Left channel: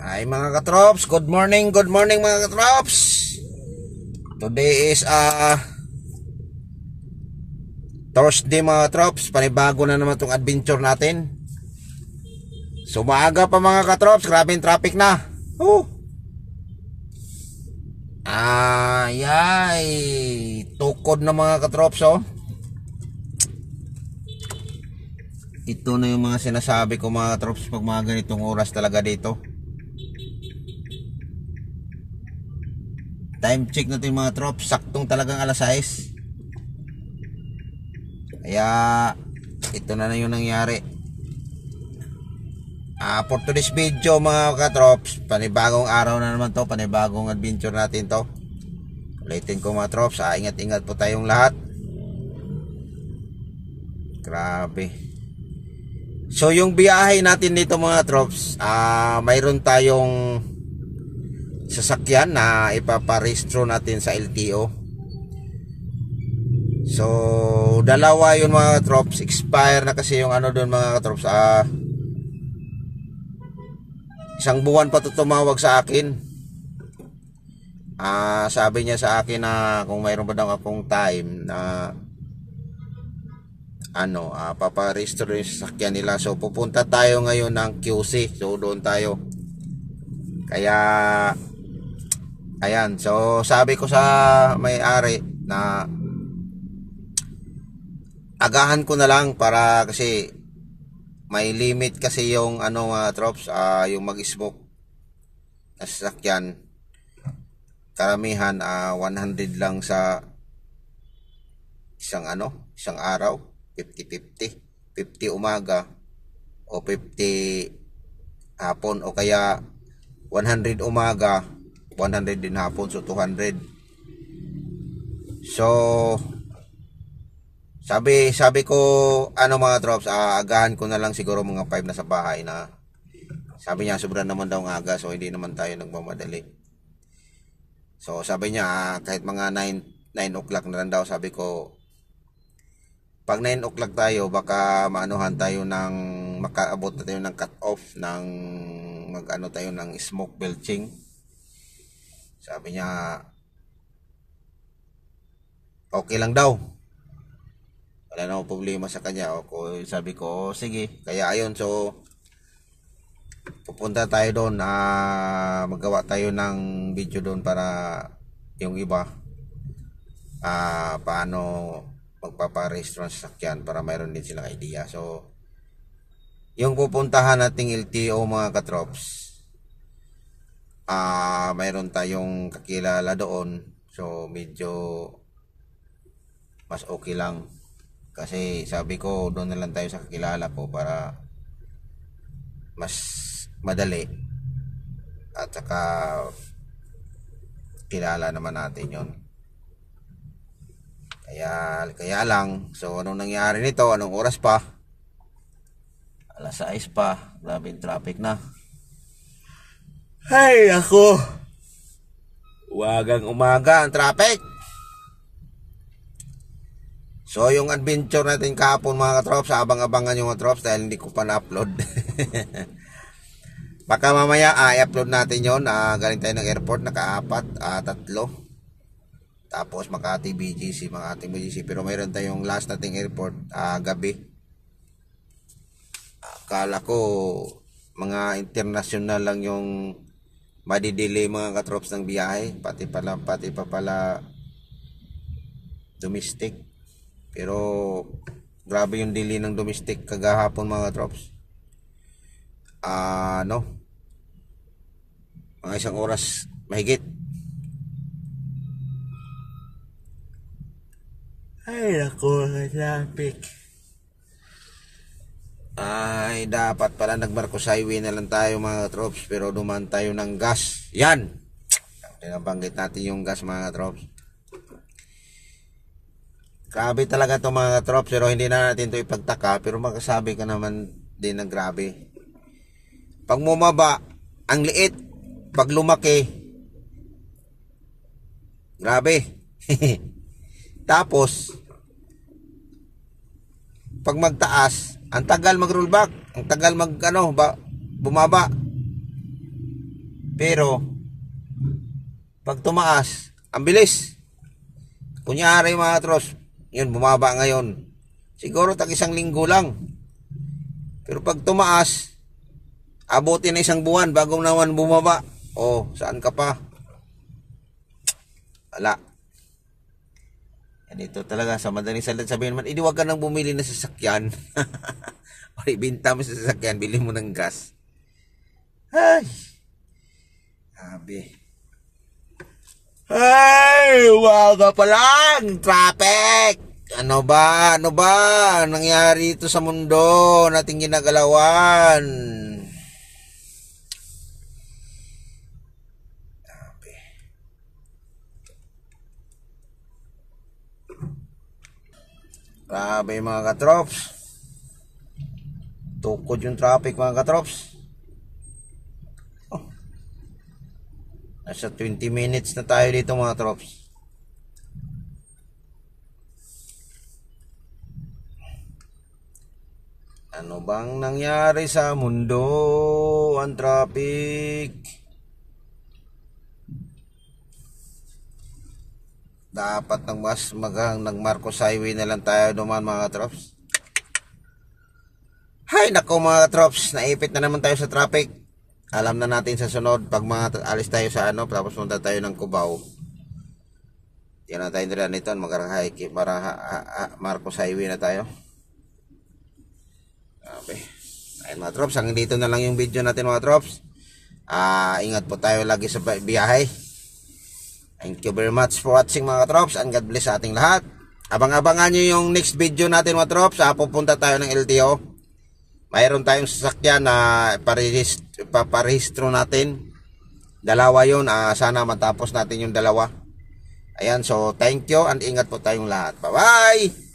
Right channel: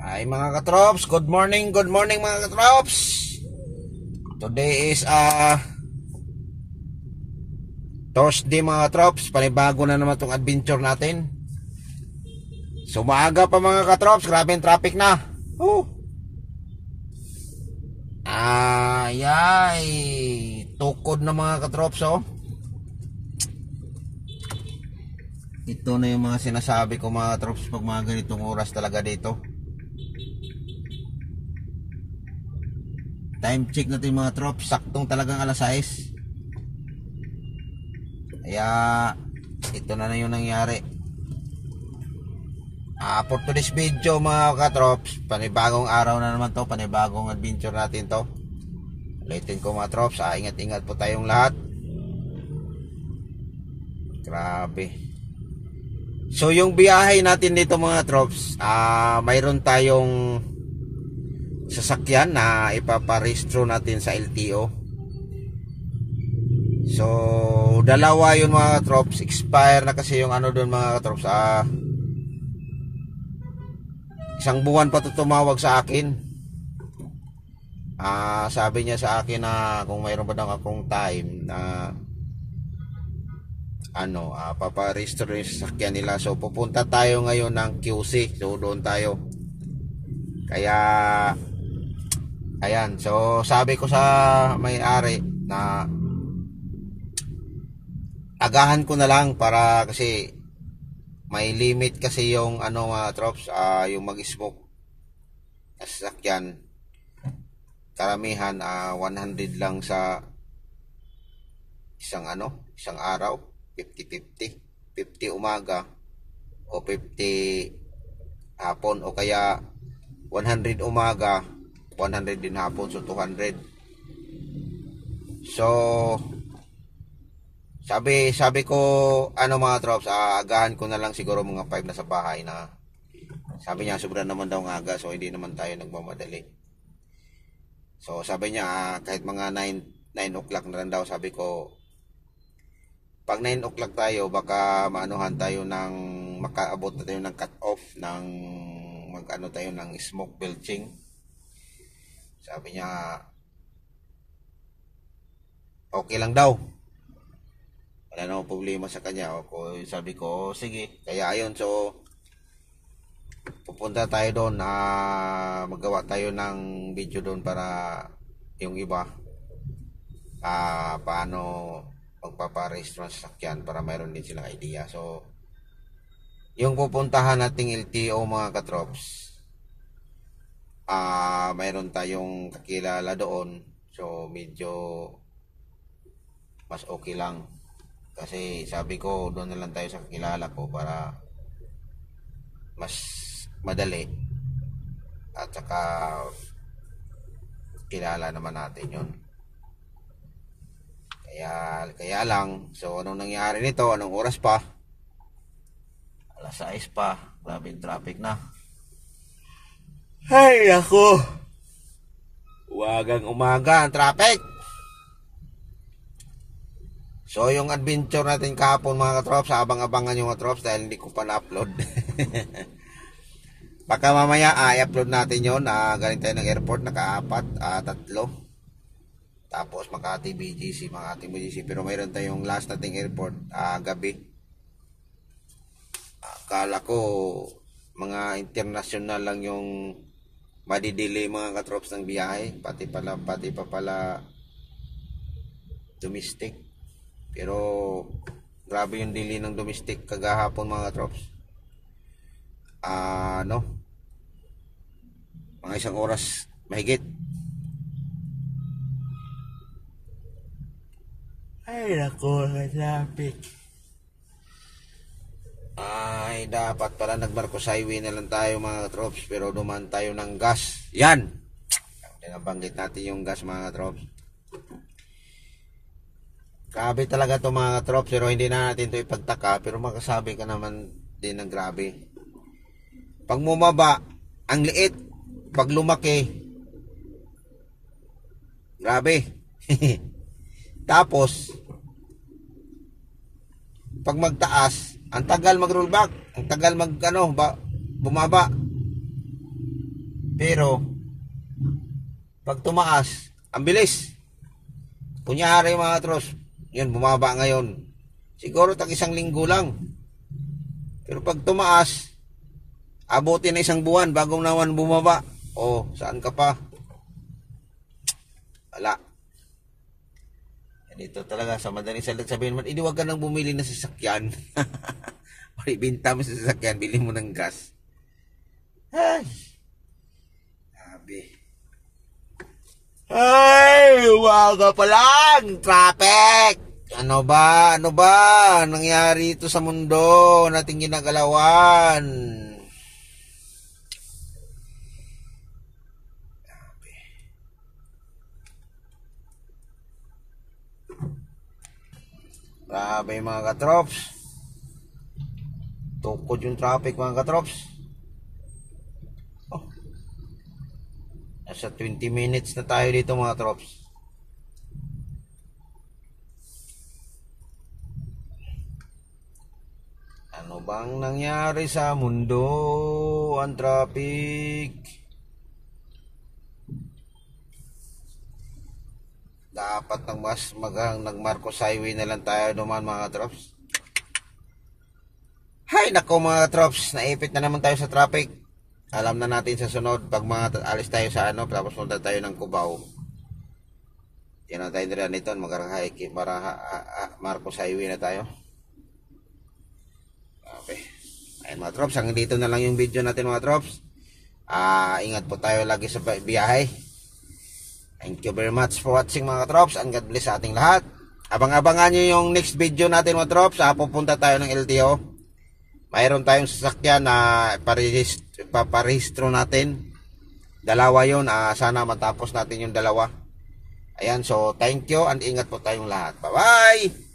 Ay mga katrops, good morning mga katrops. Today is Thursday mga katrops. Panibago na naman itong adventure natin. So maaga pa mga katrops, grabe yung traffic na. Ay, tukod na mga katrops oh. Ito na yung mga sinasabi ko mga katrops pag mga ganitong oras talaga dito. Time check natin mga trops, saktong talagang alas 6. Kaya ito na yung nangyari. For today's video mga katrops, panibagong araw na naman to, panibagong adventure natin to. Ulitin ko mga trops, ingat-ingat po tayong lahat. Grabe. So yung biyahe natin dito mga trops, mayroon tayong sasakyan na ipaparehistro natin sa LTO. So dalawa yun mga katrops, expire na kasi yung ano doon mga katrops. Isang buwan pa to tumawag sa akin. Sabi niya sa akin na kung mayroon pa daw akong time na paparehistro yung sasakyan nila. So pupunta tayo ngayon ng QC. So doon tayo. Kaya ayan, so sabi ko sa may-ari na agahan ko na lang para kasi may limit kasi yung mga trops, yung mag-smoke na sasakyan. Karamihan 100 lang sa isang araw, 50-50, 50 umaga o 50 hapon, o kaya 100 umaga 100 din hapon, so 200. So sabi ko mga trops, agahan ko na lang siguro mga 5 na sa bahay na. Sabi niya sobra naman daw ng aga, so hindi naman tayo nagmamadali. So sabi niya kahit mga 9 o'clock na lang daw. Sabi ko pag 9 o'clock tayo baka maanuhan tayo ng makaabot na tayo ng cut off ng tayo ng smoke belching. Sabi niya okay lang daw, wala na problema sa kanya. Sabi ko sige. Kaya ayun, so pupunta tayo doon, magawa tayo ng video doon para yung iba paano magpaparehistro ng sasakyan para mayroon din silang idea. So yung pupuntahan nating LTO mga katrops, mayroon tayong kakilala doon. So medyo mas okay lang kasi sabi ko doon na lang tayo sa kakilala ko para mas madali at saka kilala naman natin yon. Kaya lang, so anong nangyari nito, anong oras pa, alas 6 pa, grabe yung traffic na. Ay ako, wagang umaga ang traffic. So yung adventure natin kahapon mga katrops, abang-abangan yung mga trops dahil hindi ko pa na-upload. Baka mamaya i-upload natin yun. Galing tayo ng airport, naka-4, 3. Tapos Makati BGC, pero mayroon tayong last nating airport gabi. Akala ko mga international lang yung madidili mga katrops ng biyahe, pati pa pala domestic. Pero grabe yung delay ng domestic kagahapon mga katrops. Mga isang oras mahigit. Ay nako, traffic. Ay dapat pala nagmarcos highway na lang tayo mga katrops, pero dumaan tayo ng gas. Yan, nabanggit natin yung gas mga katrops. Grabe talaga to mga katrops, pero hindi na natin to ipagtaka. Pero makasabi ka naman din ng grabe. Pag bumaba ang liit, pag lumaki grabe. Tapos pag magtaas, ang tagal mag-roll back, ang tagal bumaba. Pero, pag tumaas, ang bilis. Kunyari mga tros, yun, bumaba ngayon. Siguro tag 1 linggo lang. Pero pag tumaas, abutin na 1 buwan bago naman bumaba. O, saan ka pa? Wala. Yan ito talaga, sa madaling salita sabihin naman, huwag ka nang bumili ng sasakyan. O ibinta mo sa sasakyan, bili mo ng gas. Ay. Sabi. Ay, umaga pa lang, traffic. Ano ba nangyari ito sa mundo nating ginagalawan? Sabi. Grabe mga katrops. Tukod yung traffic mga katrops. Nasa 20 minutes na tayo dito mga trops. Ano bang nangyari sa mundo? Ang traffic. Dapat nang mas nag Marcos Highway na lang tayo dumaan mga trops. Hay nako mga trops, naipit na naman tayo sa traffic. Alam na natin sa sunod, pag mga alis tayo sa tapos punta tayo ng Cubao. Yan na tayo nila nito, Marcos Highway na tayo. Okay. Ayun mga trops, hanggang dito na lang yung video natin mga trops. Ingat po tayo lagi sa biyahe. Thank you very much for watching mga trops, and God bless sa ating lahat. Abang-abangan nyo yung next video natin mga trops. Pupunta tayo ng LTO. Mayroon tayong sasakyan na paparehistro natin. 2 yun. Sana matapos natin yung 2. Ayan, so thank you and ingat po tayong lahat. Bye-bye!